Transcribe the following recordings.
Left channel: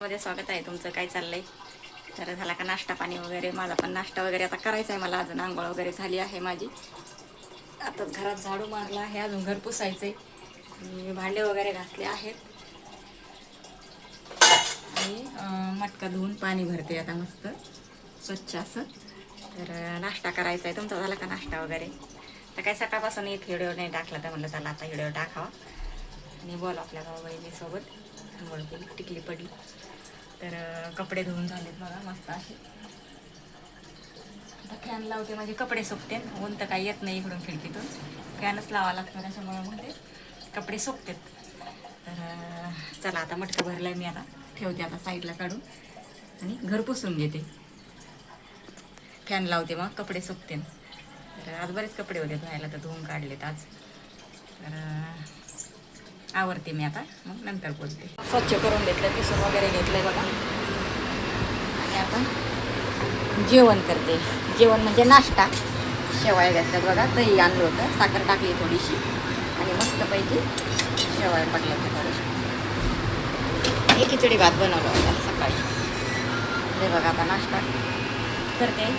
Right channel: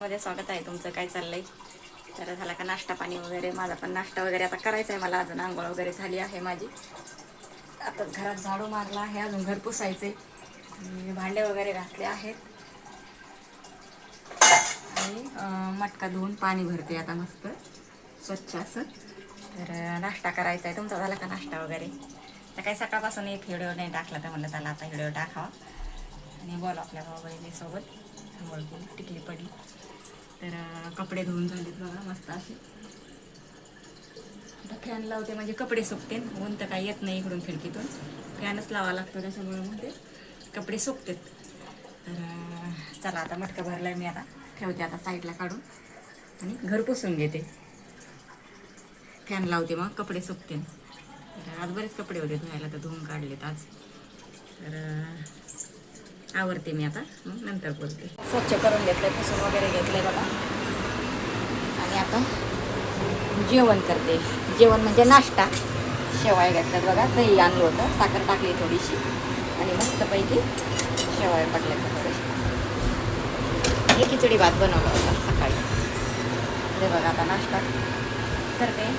मध्ये स्वागत आहे तुमचं. काय चाललंय? तर झाला का नाश्ता पाणी वगैरे? माझा पण नाश्ता वगैरे आता करायचा आहे मला. अजून आंघोळ वगैरे झाली आहे माझी. आता घरात झाडू मारला आहे, अजून घर पुसायचे, भांडे वगैरे घासले आहेत आणि मटका धुवून पाणी भरते आता मस्त स्वच्छ असं. तर नाश्ता करायचा आहे. तुमचा झाला का नाश्ता वगैरे? तर काही सकाळपासून एक व्हिडिओ नाही टाकला, तर म्हणलं चला आता व्हिडिओ टाकावा आणि बोल आपल्या भाऊ-बहिणीसोबत. आंघोळ केली, टिकली पडली. तर कपडे धुवून झालेत बघा मस्त असे. आता फॅन लावते म्हणजे कपडे सुकते. ऊन तर काही येत नाही इकडून खिडकीतून, फॅनच लावा लागतो, त्याच्यामुळे मग ते कपडे सुकतात. तर चला आता मटका भरलाय मी, आता ठेवते आता साईडला काढून आणि घर पुसून घेते. फॅन लावते मग कपडे सुकते. तर आज बरेच कपडे होते धुवायला, तर धुवून काढलेत आज. तर आवरते मी आता, मग नंतर बोलते. स्वच्छ करून घेतलंय, पुसून वगैरे घेतलंय बघा. आणि आपण जेवण करते. जेवण म्हणजे नाश्ता. शेवाळ्या घेतल्यात बघा, दही आणलं होतं, साखर टाकली थोडीशी आणि मस्तपैकी शेवाळ्या पडल्या त्या थोडीशी. हे खिचडी भात बनवला होता सकाळी. हे बघा आता नाश्ता करते.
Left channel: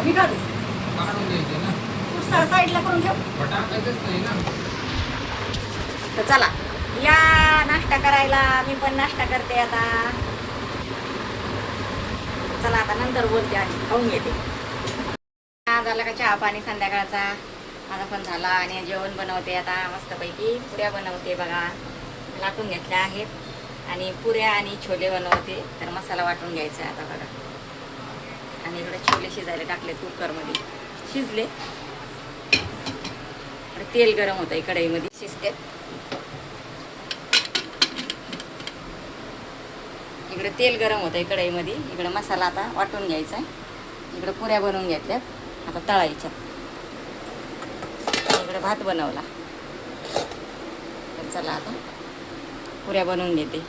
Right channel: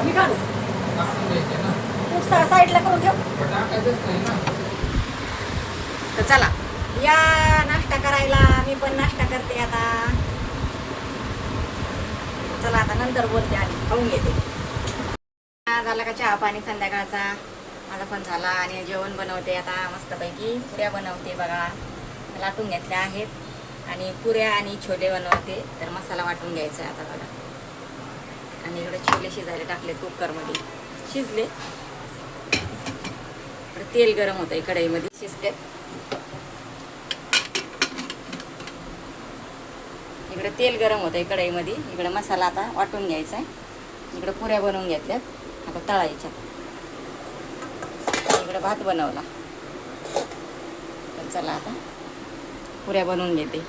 आम्ही काढू साईडला करून घेऊ. तर चला या नाश्ता करायला. मी पण नाश्ता करते आता. चला आता नंतर बोलते आणि खाऊन घेते. झाला का चहा पाणी संध्याकाळचा? माझा पण झाला आणि जेवण बनवते आता मस्तपैकी. पुऱ्या बनवते बघा, लाटून घेतल्या आहेत आणि पुऱ्या आणि छोले बनवते. तर मसाला वाटून घ्यायचा आहे आता बघा. आणि इकडे छोले शिजायला टाकले कुकरमध्ये, शिजले. तेल गरम होतं आहे कढईमध्ये, शिजते. इकडे तेल गरम होतं आहे कढईमध्ये. इकडे मसाला आता वाटून घ्यायचा आहे. इकडे पुऱ्या बनवून घेतल्यात, आता तळायच्यात. इकडे भात बनवला. तर चला आता पुऱ्या बनवून घेते,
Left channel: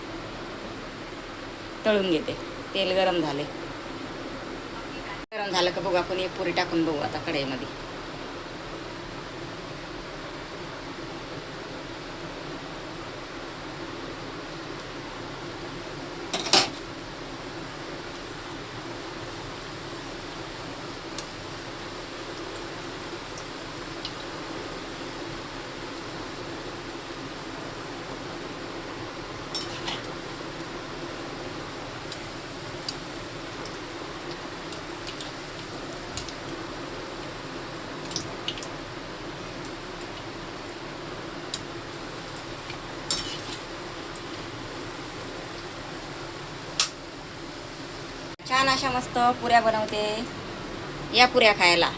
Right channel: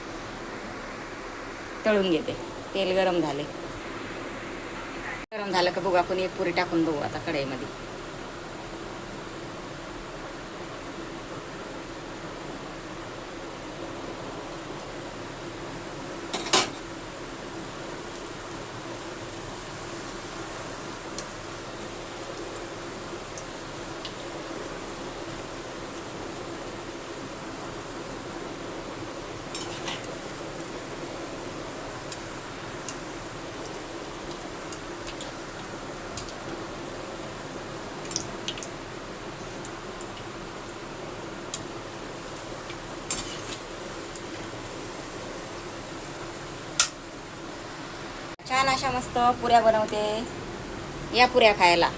तळून घेते. तेल गरम झाले. गरम झालं का बघू आपण एक पुरी टाकून बघू आता कढईमध्ये. छान अशा मस्त पुऱ्या बनवते. या पुऱ्या खायला.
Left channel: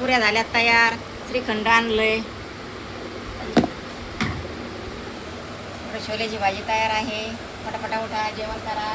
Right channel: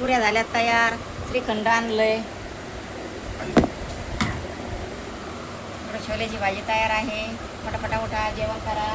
पुऱ्या झाल्यात तयार. श्रीखंड आणलंय. छोल्याची भाजी तयार आहे. पटापटा उठा, जेवण करा.